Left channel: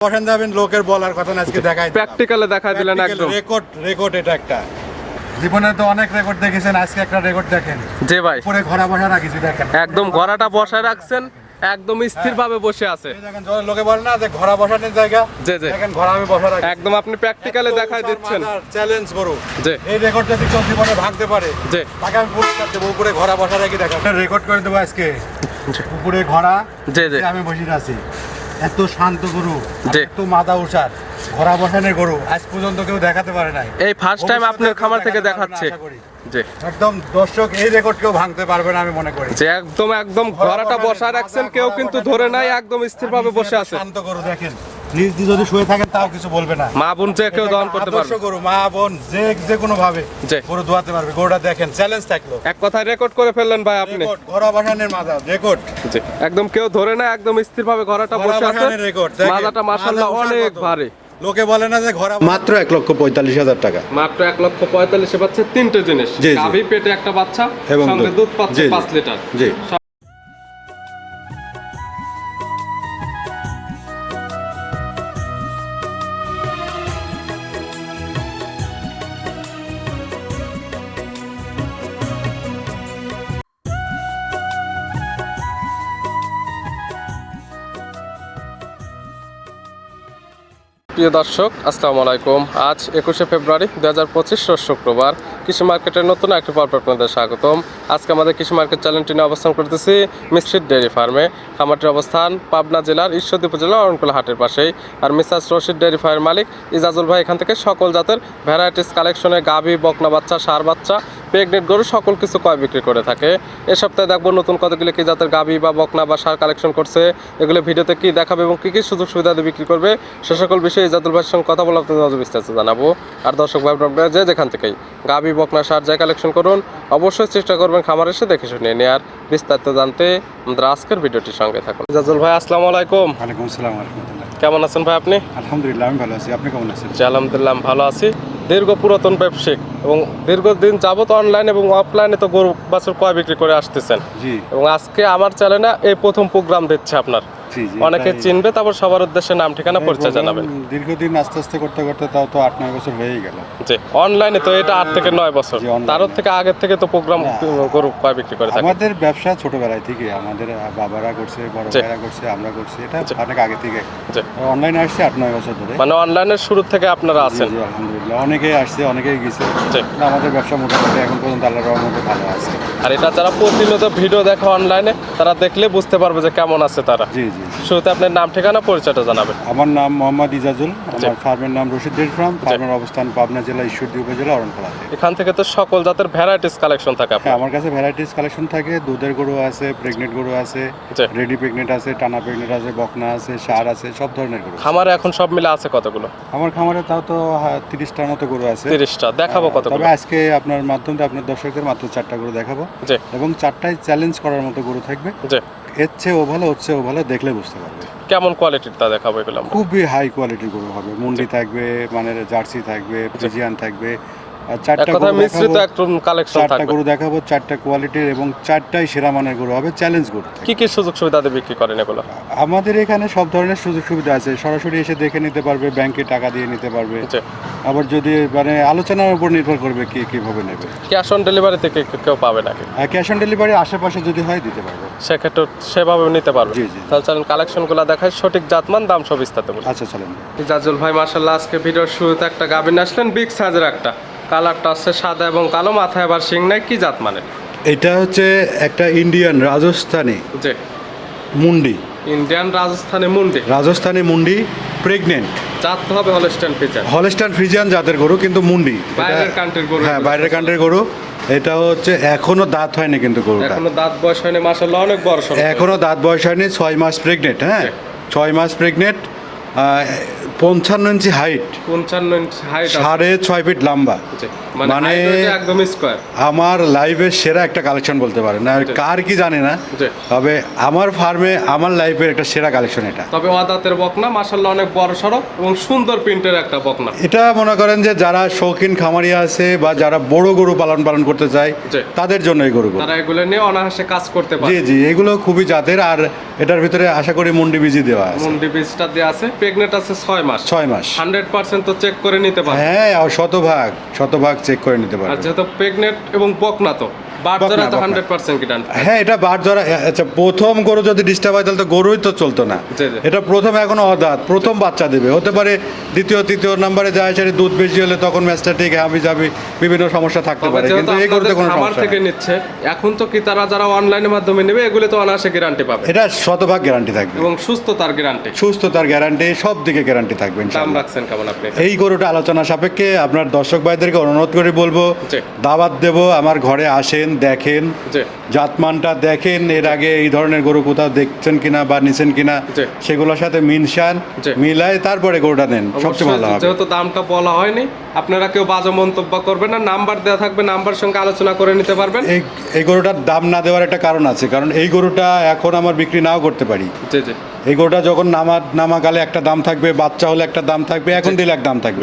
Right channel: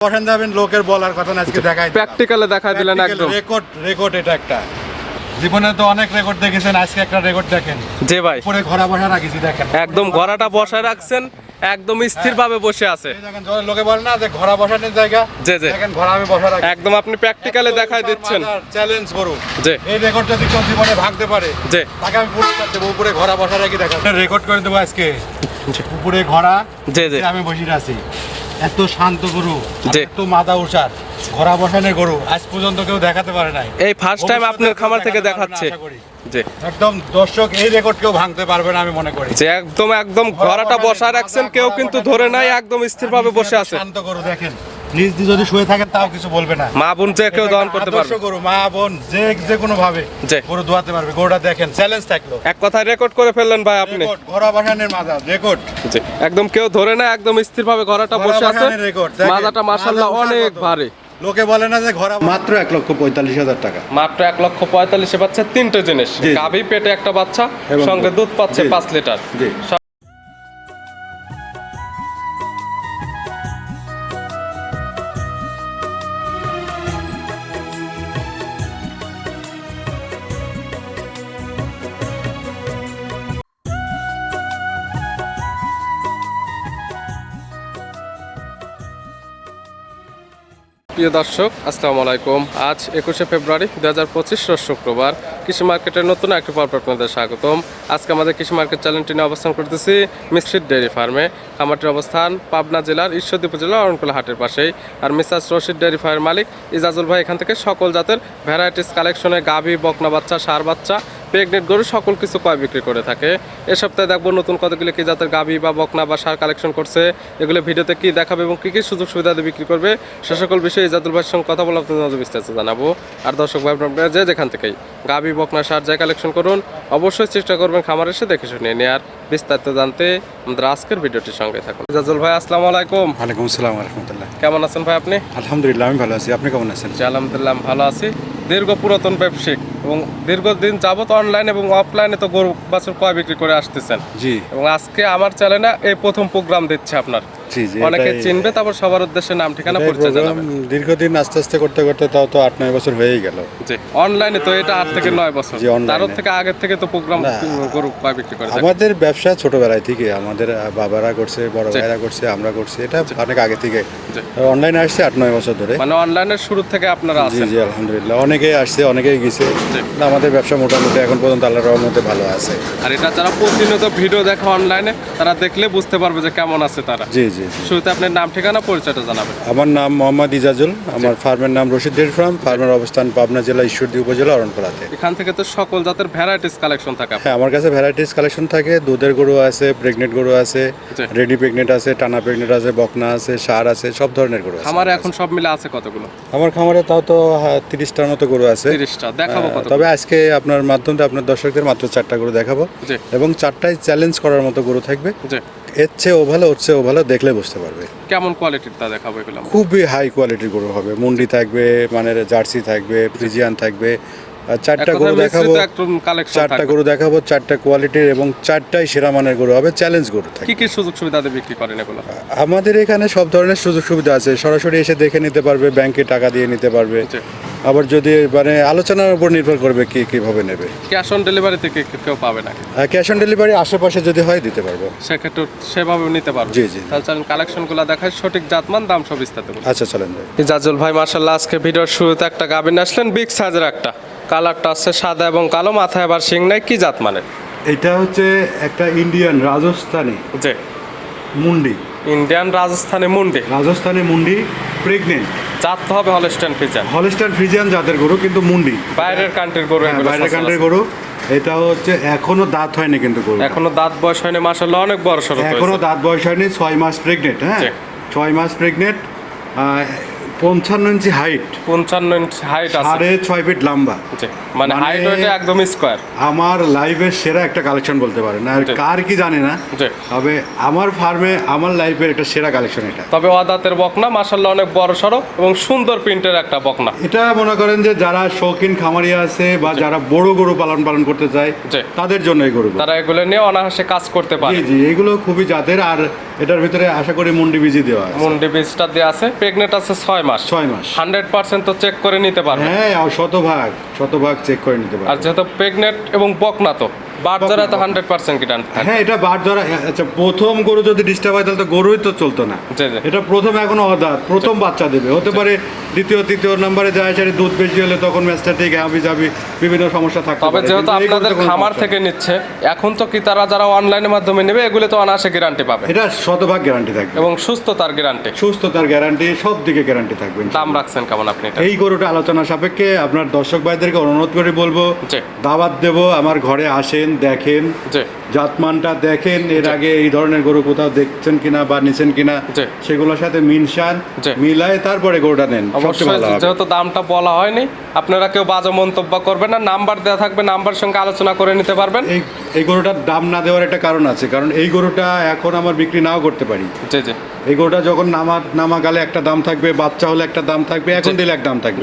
বসেন যাবেন লোকের বলার কথা না আজকে দেখাই প্র্যাকটিক্যালে দেখা দিলেন একদম। রেকর্ড রেকর্ড এটা একটা। জীবনে তো অনেক রেকর্ড দেখেছেন আজকে একটা রেকর্ড দেখেন। যে ভাই। উপরে ঘোরা বসা রাখিছি দেখেন। একদম গড়াটা বসায় রাখছেন একদম স্থির ভাবে বসে আছে। দেখেন লোকে বলে না যে ঘোড়া বসানোর জায়গা। জি, জি। দেখেন ঘোড়া আমি বসা রাখি। একদম আপনি প্র্যাকটিক্যালে দেখাই দিচ্ছেন। চ্যালেঞ্জ করু যে এই রেকর্ড যদি কেউ জীবনে ভাঙতে পারে যে তাকে আমি পুরস্কার দেবো উপরে ঘোড়া বসা রাখি দেখা রেকর্ড করে দেবো আজকে। উপরে ঘোড়া যে যে আমি বসে আছি। এত শান্ত গরু এত মাদা উষার ঘোড়া বসানের গরু আজ পর্যন্ত কেউ দেখাতে পারে নাই। এই ফার্স্ট টাইম আপনার খামার থেকে দেখাচ্ছে। একদম দর্শক এই রেকর্ড কেউ ভাঙতে পারবে না আমি মনে করি। যে একদম একদম ঘোড়াটা বসা রাখছেন কেউ কিন্তু ধরে নাই একদম স্থির ভাবে বসে আছে। শান্ত গরু দেখেন। নিজ যদি শুয়ে থাকেন তাও কিছু বলবে না। মা বোন যে কেউ দহন করতে আদর্শ পারবে। গরু মা বোন যে যে কোনো ভাবে গরু ধোয়াতে পারবে। গরুটা দেখেন চ্যালেঞ্জ থাকল। এক কথায় রেকর্ড করে ফেললেন ভাই আপনি। রেকর্ড ঘোড়া মাজা রেকর্ড জি একদম কেউ ধরে না একদম স্থির ভাবে গড়াটা বসে আছে। মাজাটা মাশাআল্লাহ অনেক ভারী। লোকে বলে না যে ঘোড়া মাত্র এক লক্ষ পঁয়তাল্লিশ হাজার টাকা। মাত্র এক লক্ষ পঁয়তাল্লিশে বাচ্চা তিনটে জিনিস। গাভী পেটে একটা বাচ্চা সঙ্গে দুধ। পাচ্ছে। পাঁচ লিটার। প্রিয় দর্শক, আসসালামু আলাইকুম। আজ একুশে ফেব্রুয়ারি দু হাজার পঁচিশ শুক্রবার। কৃষি মার্কেটের নতুন একটি পর্ব আপনাদের স্বাগতম। আজকে আমাদের কৃষি মার্কেট চ্যানেলটি নিয়ে অবস্থান করতেছি মিশ্রিত ডেয়ারি ফার্মে। খামারটির অবস্থান পাবনা জেলার ঈশ্বরদী উপজেলা অরণকুলা হাটের পাশেই। আর মিসাস রশিদ ডেয়ারি ফার্মের মালিক ইজাজুল ভাই এখান থেকে সকল জাতের ভ্যারাইটিস কালেকশনে গাভী, বকনা বাচ্চা, সার বাচ্চা প্রেগনেন্ট গরু সকল কিছু ক্রয় বিক্রি করে থাকে? এ সপ্তাহে দেখব নতুন কতগুলো কি জাতের গাভী বা বকনা বা সার কালেকশন করছে। এগুলো ভিডিওতে কি দেখাবে এবং কি কি সুযোগ সুবিধা দিয়ে বিক্রি করবে সে সকল বিষয়ে ইজাদুল ভাইয়ের সঙ্গে কথা বলে আপনাদের বিস্তারিত জানাব। আর দর্শক ভাই বোনেরা যে যেখান থেকেই গাভী বকনা সার যা কালেকশন করুন অবশ্যই চেষ্টা করবেন খামার এসে দেখে শুনে নেওয়ার বিস্তারিত জানতে আমাদের আজকের ভিডিওটির সঙ্গে থাকুন। ইজাজুল ভাই আসসালামু আলাইকুম। ওয়ালাইকুম আসসালাম কেমন আছেন ভাই আপনি? আলহামদুলিল্লাহ আমি ভালো আছি। আপনি কেমন আছেন? আলহামদুলিল্লাহ ভালো আছি। দীর্ঘ পুরাতন ব্যবসায়িক এবং দীর্ঘদিন যাবত অনলাইন এবং অফলাইনে তো গরু বাছুর ক্রয় বিক্রি করে আসতেছেন। জি। এবং আজকে আমার চ্যানেলে এই প্রথম প্রোগ্রাম দিচ্ছে আপনার। অনেকে চিনবে তারপর সবার উদ্দেশ্যে নাম ঠিকানা পরিচয় জানাবেন। দীর্ঘদিন আস্তে আস্তে করতে করতে তাও তো আট নয় বছর হয়েই গেল। জি অনলাইনে তো এটা আট থেকে নয় বছর। জি, তারও থেকে আগের থেকে তো প্রোগ্রাম গরু ক্রয় বিক্রি করে আমাদের ব্যবসা ছোটবেলায় থেকে আমাদের বাবারা করছে বড় ভাইরা করছে আমরা করছি এটা অনেক আগে থেকে। অনলাইনে আসছে আট নয় বছর ধরে। মানে অনলাইনের শুরু থেকে আপনারা আছেন। জি আলহামদুলিল্লাহ অনেকে আসছে অনেকেই গেছে। আমাদের ব্যবসা মোটামুটি এখন পর্যন্ত আল্লাহ রহমতে ভালো আছে। আর এটা যারা প্রতিনিয়ত ভিডিও দেখে অনলাইনে তারা দেখলে বুঝতে পারবে যে কেমন আছে তারা। জি জি। শুরুতে আপনার নাম ঠিকানা পরিচয়টা জানাবেন। আমার নাম মোহাম্মদ ইজাজুল আমার ফার্মের নাম রশিদ ফার্ম ফার্মের অবস্থান পাবনা জেলা ঈশ্বরদী উপজেলা অরণপাড়াতে এখান থেকে তো সকল জাতের ভ্যারাইটিস কালেকশন থাকে আপনার। হ্যাঁ আমার কাছে ভ্যারাইটিস কালেকশন থাকে দুধের গরু আছে প্রেগনেন্ট গরু আছে রেডি প্রেগনেন্ট আছে টানা প্রেগনেন্ট আছে বকনা আছে সার আছে সব ধরনের গরু আছে। খামারে এখন সব মিলে আছে কতগুলো? আমার খামারে তাও তো হ্যাঁ, তিরিশটার মতো গরু আছে। তিরিশটা দেখাবো কত তবে আজকে আপনার মাধ্যমে আপনার দর্শকদের মাত্র চারটা গরু দেখাবো এবং চারটায় চ্যালেঞ্জ করার মতো গরু থাকবে। এর চেয়ে ও ভালো ওর চেয়ে ও ভালো দেখলে বুঝতে পারবে। কেমন কোয়ালিটির তা দেখাবো এগুলো আমরা। খুবই হাই কোয়ালিটির গরু হবে। মুন্ডি থাকবে মানে জার্সি থাকবে ফ্রিজিয়ান থাকবে। আর এক চারটা গরু দেখাবো কালেকশন চারটা থাকবে। গরু দেখাবো চারটা কোয়ালিটির এবং চারটাই সেরা মানের গরু হবে চ্যালেঞ্জ গরু থাকবে কি কি সুযোগ সুবিধা দিয়ে বিক্রি করেন এগুলো? আমাদের এখানে সব ধরনের সুযোগ সুবিধা আছে। সরাসরি এসে দেখে নিতে পারবে ব্যাংকে টাকা দিয়ে নিতে পারবে। জি। আবার যদি মানে আলোচনার উপর নির্ভর করবে কি কীভাবে নেবে। ক্যাশ অন ডেলিভারি থেকে কে- কেউ পাবে নাকি? ক্যাশ অন ডেলিভারি আশেপাশে যদি হয় দিতে পারব। সেক্ষেত্রে সেভাবে নিতে পারবে। জি, জি। তাহলে চলেন কালেকশনগুলো দেখায় সঠিক জাতমান দাম সব বিস্তারিত বলি। আচ্ছা চলেন। ভাই ইজাজুল ভাই মার্শাল্লাহ আজকে ভিডিওর শুরুতে একটা গাবিন আসলেন বিগ সাইজের একটা। কালারটা আছে সাদা এবং কালো মাথায় আবার শিং নাই কি জাত মানে এটা হচ্ছে একটা ইন্ডিয়ান রাজস্থানী জি। মুন্ডি। ইন্ডিয়ান রাজস্থানি মুন্ডি। রাজস্থানী মুন্ডি প্রেগনেন্ট জাত হবে হলস্টাইন ফ্রিজিয়ান হলস্টাইন ফ্রিজিয়ান জাতের গরু কিন্তু মুন্ডি। বাইরের কান্ট্রির গরু হ্যাঁ বাইরের কান্ট্রির গরু। এটা হচ্ছে এখনও দাঁত হয়নি কিন্তু গরু এখনও দাঁত বয়স হয়নি মাসাল্লাহ অনেক বড় সড়ো এখনও দাঁত বয়স হয়নি ছয় মাস প্রেগনেন্ট হ্যাঁ। ছয় মাস প্রেগনেন্ট পঞ্চান্ন ইঞ্চি হাইট পঞ্চান্ন ইঞ্চি হাইট সাড়ে ছয় ফিট লম্বা। জি, মানে মানে- একদম স্কোয়ার আমার লাইফের সেরা একটা কালেকশন বলতে পারেন। আর কার কি জানি না জি। তবে আমার ফার্মে আমার লাইফের একটা সেরা কালেকশন এটা। তবে অদাতের বকনা মাসাল্লাহ অনেক বড় সড়ো এবং সুন্দর প্রিন্টের একটা বকনা। এটা মনে করেন যে যারা শৌখিন খামারি আছে বা যারা বড় গরু পালন পালন করতে চায় জি। তাদের জন্য এই গরুগুলো। তারা এগুলো নিয়ে অনায়াসে কাজ করতে পারে। জি এগুলো খুবই জাতের আর এটার ভিতরে আশা করি মুন্ডি বিজি দেওয়া আছে। মুন্ডি বীজটা দেওয়া আছে। প্রেগনেন্ট আছে ছয় মাস ছয় মাস। হান্ড্রেড পার্সেন্ট তো চেক করে নিতে পারবে। হ্যাঁ শতভাগ শতভাগ চেক করে নিতে আর যেহেতু প্রেগনেন্ট এবং বকনা তো। তো হান্ড্রেড পার্সেন্ট গ্যারান্টি হ্যাঁ এটা আচ্ছা প্রথম গরু যদি ডিস্টার্ব হয় তাহলে তো গরুই তো চলতো না। এটা প্রথম এখনও অদাত প্রথম বাচ্চা দেবে। হতে পারে দ্বিতীয় তৃতীয় নম্বরে যায় দুধ বেশি হলে তখন ম্যাচটা ঠিক হাবি যাবি বিভিন্ন সমস্যা থাকতে তবে পারে। কিন্তু এই গরুতে কোনো খামার থেকে নিচ্ছে এখন তো কি তারা যারা অনলাইনের মাধ্যমে নেবে এগুলো তো অনায়াসে গ্যারান্টি পাবে। এটা শতভাগ গ্যারান্টি থাকবে। এবং সুস্থতার গ্যারান্টি সুস্থতার গ্যারান্টি সব দিকে গ্যারান্টি থাকবে দাম রাখছেন কেমন আপনি এই গরুটা আলোচনা সাপেক্ষে আপনার দর্শক ভাইদেরকে অনুরোধ করে বলব। দাওয়াত দেব আমার ঘরে আসেন। দেখেন জাতমানটা দেখেন এর আগে এই ধরনের গরু কোথাও দেখছেন কিনা বা নিছেন কিনা। সেগুলোর সাথে মিনসান। মিলায় তারপরে গরুটা নেন যেহেতু দামটা বলা হয়নি আপনারা কেউ বাজে মন্তব্য করবেন না নাম্বার দেওয়া থাকবে নাম্বার সঙ্গে আলোচনা করে নিতে পারবেন। এই গরুটার দাম না দেওয়ার একটা কারণ আছে কারণ এই গরুটা এখন আমার বিক্রি নাও করতে পারি। এই গরুটা যখন নামা নামাকালে একটা দাম থাকবে বাচ্চা হলে একটা দাম থাকবে এখন দিলে এক দাম থাকবে।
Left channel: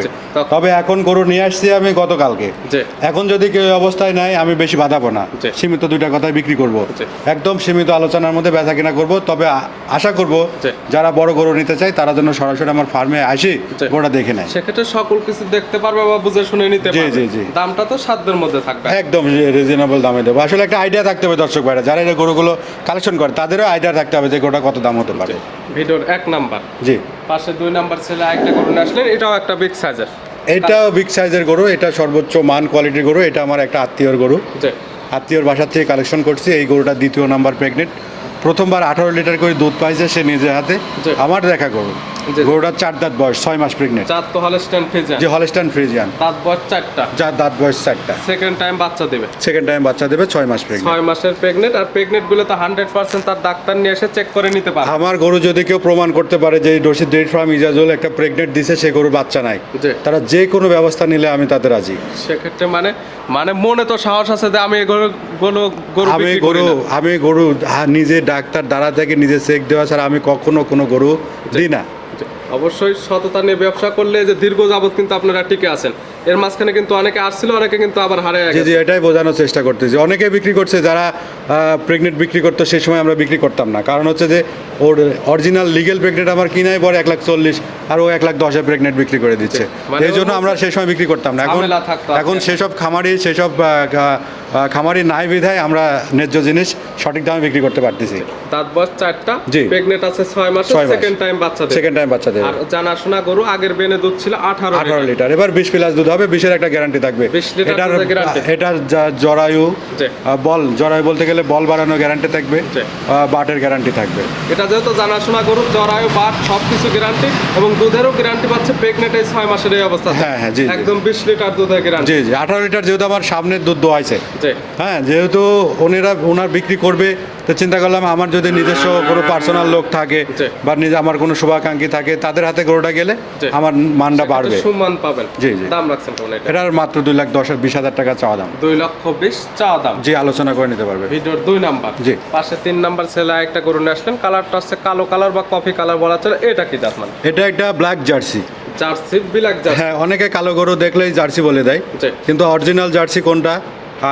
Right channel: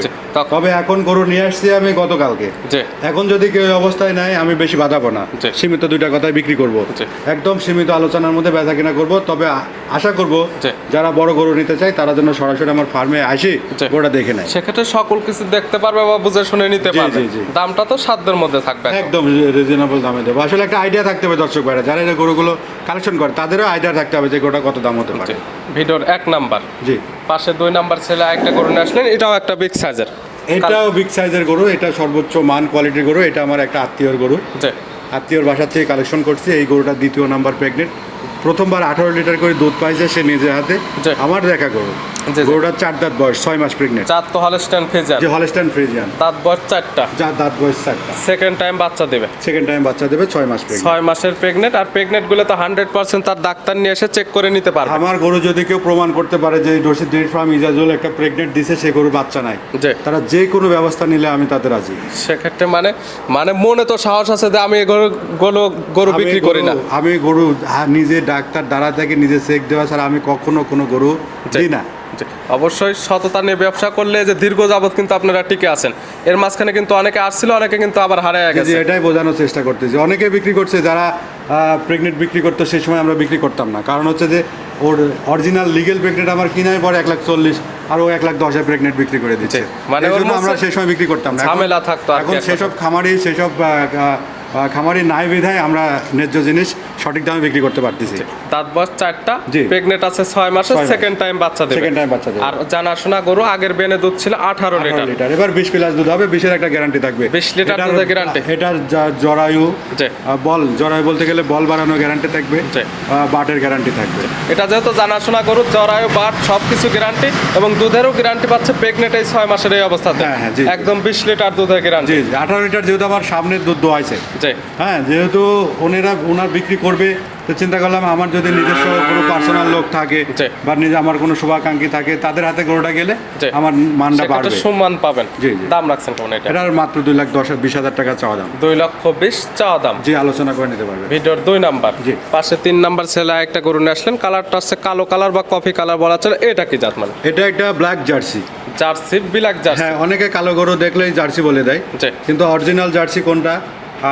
তবে এখন গরু নিয়ে আসছি আমি গতকালকে। এখন যদি কেউ অবস্থায় নাই আমি বেশি বাঁধাবো না। জি। সীমিত দুইটা কথায় বিক্রি করব। একদম সীমিত আলোচনার মধ্যে বেচা কিনা করব তবে আশা করব। যারা বড় গরু নিতে চায় তারা যেন সরাসরি আমার ফার্মে আসি জি। গরুটা দেখে নেয়। সেক্ষেত্রে সকল কিছু দেখতে পারবে বা বুঝে শুনে নিতে পারবে। দামটা তো সাধ্যের মধ্যে থাকবে একদম রিজনেবল দামে দেবো। আসলে একটা আইডিয়া থাকতে হবে দর্শক ভাইরা যারা এই গরুগুলো কালেকশন করে তাদেরও আইডিয়া থাকতে হবে যে গোটা কত দাম হতে পারে। ভিডিওর এক নাম্বার। জি। পাশে দুই নাম্বার ছেলে একটা গরু নিয়ে আসলেন এটাও একটা বিগ সাইজের এটাও বিগ সাইজের গরু এটা সর্বোচ্চ মান কোয়ালিটির গরু এটা আমার একটা আত্মীয়র গরু। জি। আত্মীয়র বাসার থেকে কালেকশন করছি। এই গরুটা দ্বিতীয় নাম্বার প্রেগনেন্ট প্রথমবার আঠারো লিটার করে দুধ পাইছে সে নিজে হাতে। আমার দেখা জি। গরুটার চার দাঁত বয়স ছয় মাস প্রেগনেন্ট চার তো হলে স্ট্যান্ড ফেজান যে হলস্টাইন ফ্রিজিয়ান দাঁত বয়স চারটা। যার দাঁত বয়স চারটা। সেকেন্ড টাইম বাচ্চা দেবে। সেকেন্ড টাইম বাচ্চা দেবে ছয় মাস প্রেগনেন্ট ছয় মাসের প্রেগনেন্ট আর প্রেগনেন্টগুলো তো হান্ড্রেড পার্সেন্ট তার ডাক্তার নিয়ে এসে চেক করে নিতে পারবে। আমার গরু যদি কেউ প্রমাণ করতে পারে যে ডোসি ডেট ফার্ম ইজাজুল একটা প্রেগনেন্ট দিছে সে গরু বাচ্চা নাই। তারা যে কোনো ব্যবস্থা নিলে আমি তাদের রাজি। সেক্ষেত্রে মানে মানে মনে তো সাহস আছে যে আমি গরু গরু বিক্রি করি গরু না। আমি গরু নিজে ডাক্তার দ্বারা থেকে নিজে চেক দেওয়া ছাড়া আমি কখনো কোনো গরু দিই না। অবশ্যই সততা নিয়ে ব্যবসা করলে যে দীর্ঘ যাবত কিন্তু আপনারা টিকে আছেন এর মাঝখানে কিন্তু অনেকে আসছিল অনেকে কিন্তু আবার হারায় গেছে। এটাই বোঝানোর চেষ্টা করতেছি। অনেকে বিক্রি করছে যারা প্রেগনেন্ট বিক্রি করতো সেই সময় আমরা বিক্রি করতাম না। কারণ হচ্ছে যে ওর অরিজিনাল লিগেল প্রেগনেন্ট আমার কিনাই পরে এক লাখ চল্লিশ আর ও এক লাখ দশে প্রেগনেন্ট বিক্রি করে দিচ্ছে। মানে এই জন্য আমরা সেই সময় বিক্রি করতাম না। এখন থাকতো এখন সেসব খামারি সেসব খামারি নাই বিধায় আমরা ন্যায্য জিনিস সঠিক দামে বিক্রি করতে পারতেছি দাঁত বয়স চারটা জি। প্রেগনেন্ট আছে ছয় মাসে। সেকেন্ড টাইম বাচ্চা দেবে সেকেন্ড টাইম বাচ্চা দেবে আর জানাশোনা গরু আগের বেনে দুধ ছিল আঠারো আঠারো লিটার লিটার এবার বিশ প্লাস দুধ হবে বিশের একটা গ্যারান্টি থাকবে 20 লিটার দুধের এটার জরায়ু। বল জরায়ু বলতে গেলে বল বাড়ানো গ্যারান্টি থাকবে। বাটের গ্যারান্টি থাকবে এটা যেহেতু জানাশোনা গরু জরায়ু বাট সব কিছু গ্যারান্টি এবং দুধেরও গ্যারান্টি পাচ্ছে প্রেগনেন্ট এই ছয় মাসের এই অবস্থা হ্যাঁ, হ্যাঁ। একদম বিশ লিটার দুধের গ্যারান্টি জি জি আঠারো লিটার যেহেতু আমার সামনের দুধ দোয়াইছে হ্যাঁ যেহেতু ওনারা ওনার বিক্রি করবে তো চিন্তা করলাম আমার যদি নিজস্ব কোনো পার্সোনাল লোক থাকে জি। বা নিজে আমার কোনো শুভাকাঙ্ক্ষী থাকে তাদের হাতে গরুটা গেলে জি। আমার মানটা বাড়বে। সম্মান পাবেন। জি, জি। দাম রাখছেন কেমন এটা? এটার মাত্র দুই লাখ দশ বিশ হাজার টাকা চাওয়া দাম। দুই লক্ষ বিশ চাওয়া দাম। যে আলোচনা করে নিতে পারবে। ভিডিওর দুই নাম্বার। জি। পাশে তিন নাম্বার ছেলে একটা গরু নিয়ে আসলেন। কালারটা হচ্ছে কালো কালার বা কফি কালার বলা চলে। এটা কি জাত মানে এটা একটা black jersey jersey black jersey হ্যাঁ অনেকে কালো গরু দেখলেই জার্সি বলে দেয়। জি। কিন্তু অরিজিনাল জার্সি কোনটা?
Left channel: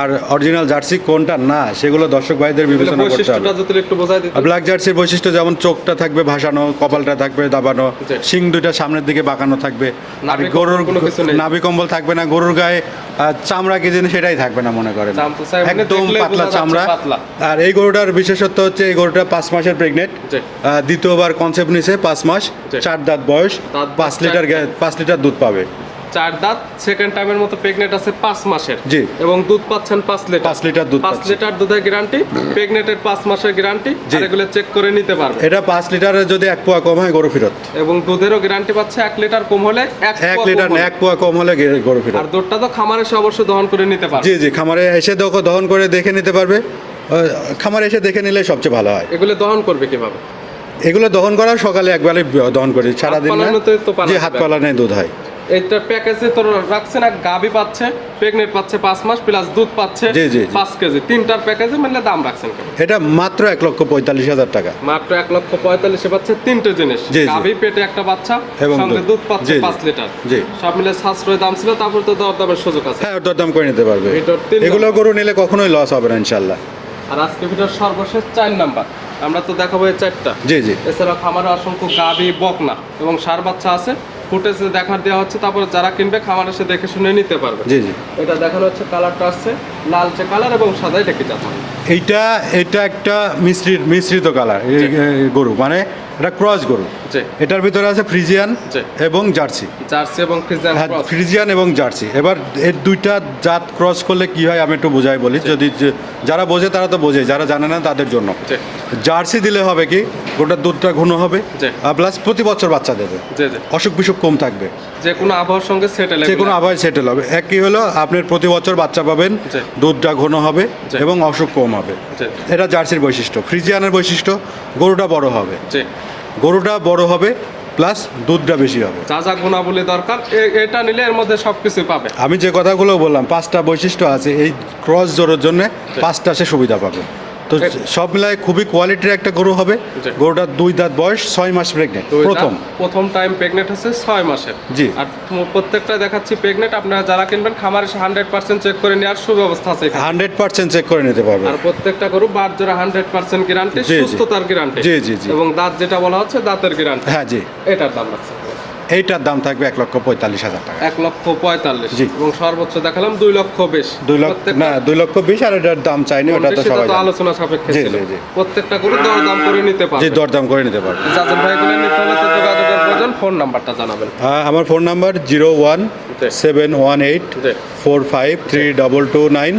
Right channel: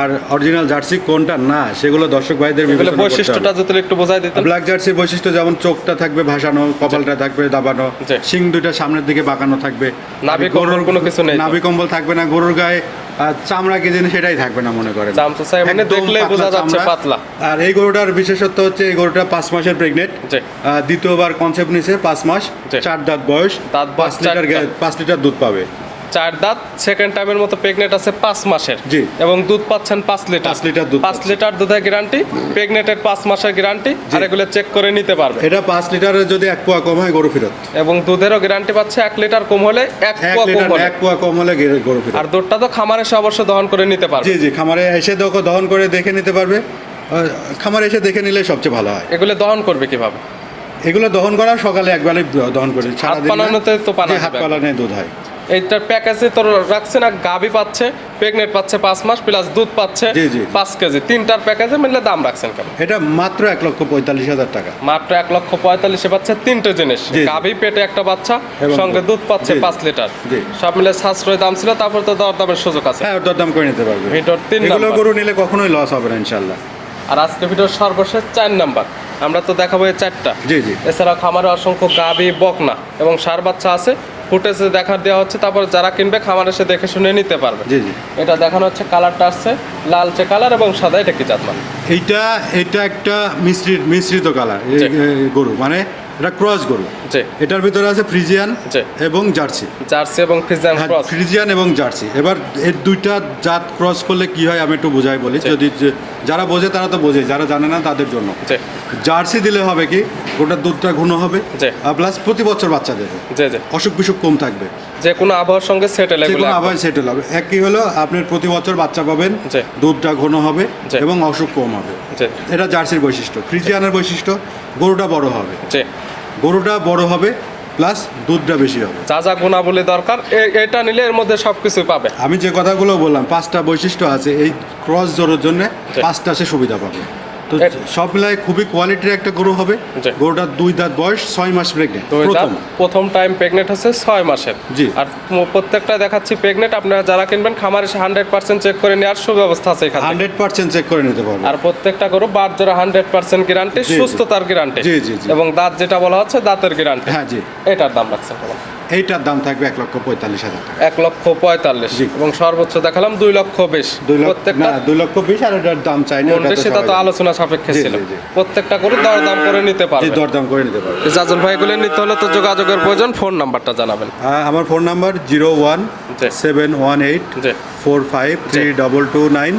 আর অরিজিনাল জার্সি কোনটা? না সেগুলো দর্শক ভাইদের বিবেচনা করতে বৈশিষ্ট্যটা হবে। একটু ব্ল্যাক জার্সির বৈশিষ্ট্য যেমন চোখটা থাকবে ভাসানো কপালটা থাকবে দাবানো। শিং দুটা সামনের দিকে বাঁকানো থাকবে কোনো কিছু নেই। নাভি কম্বল থাকবে না গরুর গায়ে চামড়া কি জিনিস সেটাই থাকবে না মনে করেন। চাই মানে একদম পাতলা চামড়া। আর এই গরুটার বিশেষত্ব হচ্ছে এই গরুটা পাঁচ মাসের প্রেগনেন্ট দ্বিতীয়বার কনসেপ্ট নিছে পাঁচ মাস চার দাঁত বয়স পাঁচ লিটার পাঁচ লিটার দুধ পাবে। চার দাঁত সেকেন্ড টাইমের মতো প্রেগনেন্ট আছে পাঁচ মাসের। জি। এবং দুধ পাচ্ছেন পাঁচ লিটার। পাঁচ লিটার দুধ পাঁচ লিটার দুধের গ্যারান্টি প্রেগনেন্টের পাঁচ মাসের গ্যারান্টি আর এগুলো চেক করে নিতে পারবে। এটা পাঁচ লিটারের যদি এক পোয়া কম হয় গরু ফেরত। এবং দুধেরও গ্যারান্টি পাচ্ছে এক লিটার কম হলে এক পোয়া কম লিটার হলে। এক পোয়া কম হলে গরু ফেরত। আর দুধটা তো খামারে এসে অবশ্যই দহন করে নিতে পারবে। জি জি খামারে এসে দেখো দহন করে দেখে নিতে পারবে। খামারে এসে দেখে নিলে সবচেয়ে ভালো হয়। এগুলো দহন করবে কীভাবে? এগুলো দহন করা সকালে একবারে দহন করি সারাদিন। পালানোতে। হাত পালানে দুধ হয়। এইটার প্যাকেজে তো রাখছেন আর গাভি পাচ্ছে প্রেগনেন্ট পাচ্ছে পাঁচ মাস প্লাস দুধ পাচ্ছে জি, জি। পাঁচ কেজি। তিনটার প্যাকেজে মিলে দাম রাখছেন কেন? এটা মাত্র এক লক্ষ পঁয়তাল্লিশ হাজার টাকা। মাত্র এক লক্ষ পঁয়তাল্লিশে পাচ্ছে তিনটে জিনিস। গাভি পেটে একটা বাচ্চা সঙ্গে দুধ। পাচ্ছে। পাঁচ লিটার। জি। সব মিলে সাশ্রয় দাম ছিল তারপর তো দর দামের সুযোগ আছে। হ্যাঁ ওটার দাম করে নিতে পারবে। এগুলো গরু নিলে কখনোই লস হবে না ইনশাল্লাহ আর আজকে ভিডিওর সর্বশেষ চার নাম্বার। আমরা তো দেখাবো এই চারটা। জি জি। এছাড়া খামারে অসংখ্য গাভি বকনা এবং সার বাচ্চা আছে। ফুটেজে দেখা দেওয়া হচ্ছে তারপর যারা কিনবে খাবার এসে দেখে শুনে নিতে পারবে। জি জি। এটা দেখানো হচ্ছে কালারটা আসছে লালচে কালার এবং সাদা এটা কি মানে এইটা এটা একটা মিশ্রিত মিশ্রিত কালার। গরু মানে এটা ক্রস গরু। এটার ভিতরে আছে ফ্রিজিয়ান এবং জার্সি। জার্সি এবং ফিজিয়ান হ্যাঁ, ফ্রিজিয়ান এবং জার্সি। এবার এর দুইটা জাত ক্রস করলে কি হয় আমি একটু বোঝাই বলি। যদি যারা বোঝে তারা তো বোঝে যারা জানে না তাদের জন্য। জার্সি দিলে হবে কি গোটার দুধটা ঘন হবে। প্লাস প্রতি বছর বাচ্চা দেবে। অসুখ বিসুখ কম থাকবে। যে কোনো আবহাওয়ার সঙ্গে সেটেল যে কোনো আবার সেটেল হবে। এক কি হলো আপনার প্রতি বছর বাচ্চা পাবেন। দুধটা ঘন হবে। এবং অসুখ কম হবে। এটা জার্সির বৈশিষ্ট্য। ফ্রিজিয়ানের বৈশিষ্ট্য গরুটা বড় হবে। গরুটা বড় হবে প্লাস দুধটা বেশি হবে। যা যা গুণাবলী দরকার এটা নিলে এর মধ্যে সব কিছু পাবে। আমি যে কথাগুলো বললাম পাঁচটা বৈশিষ্ট্য আছে এই ক্রস জোরের জন্য পাঁচটা সে সুবিধা পাবে। তো সব মিলাই খুবই কোয়ালিটির একটা গরু হবে। গরুটার দুই দাঁত বয়স ছয় মাস প্রেগনেন্ট প্রথম। প্রথম টাইম প্রেগনেন্ট হচ্ছে ছয় মাসের। জি। আর প্রত্যেকটা দেখাচ্ছি প্রেগনেন্ট আপনারা যারা কিনবেন খামার এসে হান্ড্রেড পার্সেন্ট চেক করে নেওয়ার সুব্যবস্থা আছে হান্ড্রেড পার্সেন্ট চেক করে নিতে পারবে। আর প্রত্যেকটা গরু বাদ জোড়া হান্ড্রেড পার্সেন্ট গ্যারান্টি জি। সুস্থতার গ্যারান্টি জি, জি, জি। এবং দাঁত যেটা বলা হচ্ছে দাঁতের গ্যারান্টি হ্যাঁ জি। এটার দাম রাখছে এইটার দাম থাকবে এক লক্ষ পঁয়তাল্লিশ হাজার টাকা। এক লক্ষ পঁয়তাল্লিশ। এবং সর্বোচ্চ দেখালাম দুই লক্ষ বিশ। দুই লক্ষ না দুই লক্ষ বিশ আর এটার দাম চাইনি ওটা তো সেটা তো আলোচনা সাপেক্ষে ছিল। প্রত্যেকটা করে দর দাম করে নিতে পারবে। দর দাম করে নিতে পারবে। জাজন ভাই গুলো নিতে হলে তো যোগাযোগের প্রয়োজন। ফোন নাম্বারটা জানাবেন। হ্যাঁ, আমার phone number zero one seven one eight four five three double two nine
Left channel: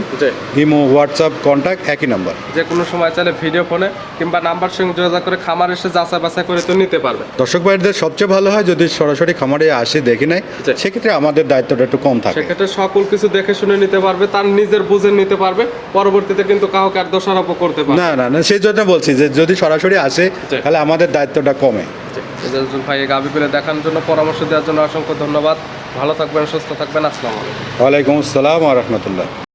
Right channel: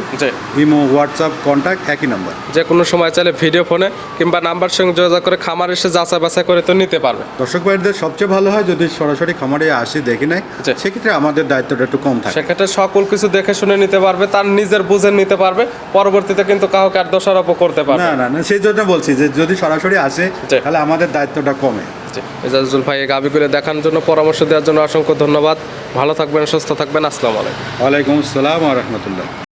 imo WhatsApp contact একই নাম্বার। যে কোনো সময় চাইলে ভিডিও ফোনে কিংবা নাম্বার সঙ্গে যোগাযোগ করে খামার এসে যাচাই বাছাই করে তো নিতে পারবে। দর্শক ভাইদের সবচেয়ে ভালো হয় যদি সরাসরি খামারে আসে দেখে নেয়। সেক্ষেত্রে আমাদের দায়িত্বটা একটু কম থাকে। সেক্ষেত্রে সকল কিছু দেখে শুনে নিতে পারবে তার নিজের বুঝে নিতে পারবে পরবর্তীতে কিন্তু কাউকে আর দোষারোপ করতে পারবে। না না না সেই জন্য বলছি যে যদি সরাসরি আসে। তাহলে আমাদের দায়িত্বটা কমে। জি এজাজুল ভাই এই করে দেখানোর জন্য, পরামর্শ দেওয়ার জন্য অসংখ্য ধন্যবাদ। ভালো থাকবেন, সুস্থ থাকবেন। আসসালামু আলাইকুম। ওয়ালাইকুম আসসালাম রহমতুল্লাহ।